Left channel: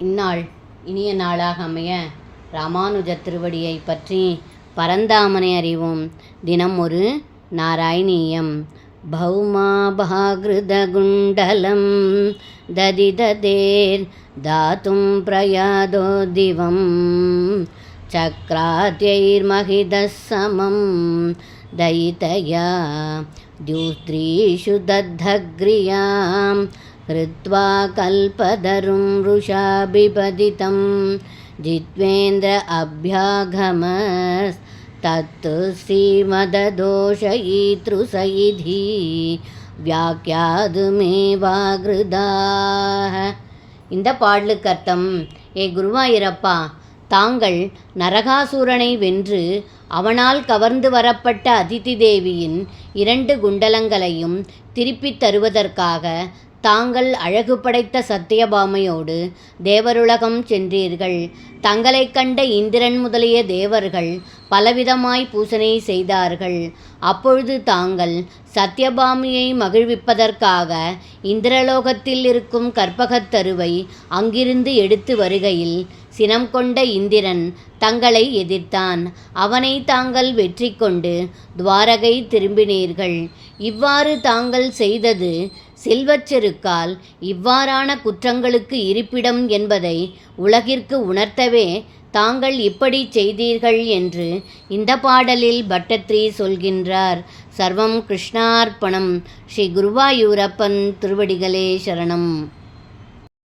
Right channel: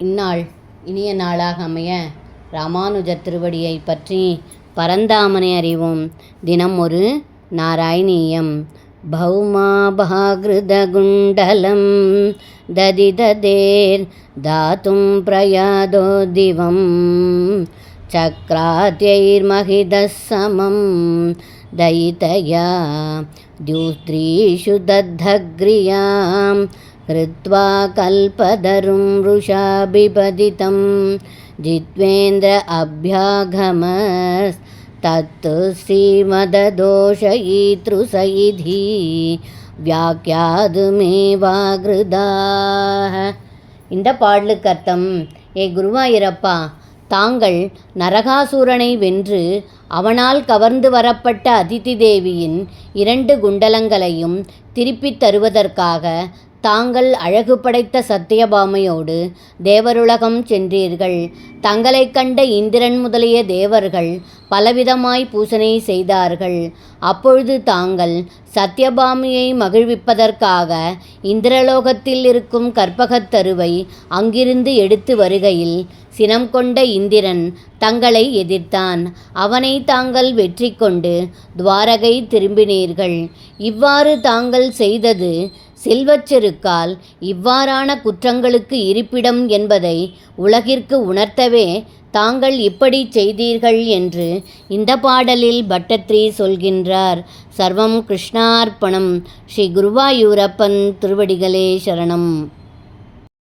இந்நாள் இனிய நாளாக அமைய ராமானுஜர் திருவடியை பற்றி பரந்தாமனை அறிவோம். தினம் ஒரு நாராயணீயம். பௌமாபாகிருதகுண்டலம் ததிததேர் தாத்தும் பிரயாதோ திவம் சக்ராத்யைர்மஹிதசமம் தயிதயா द्युस्त्रीषु दद्धग्रियां कृत्वा कल्पतरुं वृषा बिपदितं जित्वेन्द्र अभ्यागमस्तत्तु श्रीमददोषयितृसयिधी வியாக்கியாதுமேவாகிருதாக. இந்த பாடலுக்கு அர்த்தம்: ஏ குருவாயூரப்பா, தாங்கள் நரகாசூரனை வென்று அவனால் கவர்ந்து வரப்பட்ட அதிதி தேவியின் 2 குண்டலங்களையும் திருப்பித் தருவதற்காக தாங்கள் அழகு படைத்த சத்தியபாமையோடு தேவருலகம் சென்றீர்கள். தங்களைக் கண்ட இந்திரன் முதலிய தேவர்கள் பலவிதமாய் பூசனை செய்தார்கள். அப்பொழுது தாங்கள் சத்தியபாமியை மகிழ்விப்பதற்காக இந்திரலோகத்தில் இருக்கும் கற்பகத்தருவை அங்கிருந்து எடுத்து வருகையில் சினம் கொண்ட இந்திரன் தங்களை எதிர்த்தான். அவனை தாங்கள் வெற்றி கொண்டு துவாரகை திரும்பினீர்கள். இவ்வாறு தாங்கள் செய்தது செல்வச்செருக்கால் இவ்வாறான குற்றங்களுக்கு இருப்பிடம் என்பதை உலகிற்கு உணர்த்தவே தாங்கள் இப்படி செய்தீர்கள் என்று இந்த பாடலில் பட்டத்ரி சொல்கின்றார். சர்வம் கிருஷ்ணார்ப்பணம். ஸ்ரீ குருவாயூரப்பன் திருவடிகளே சரணம்.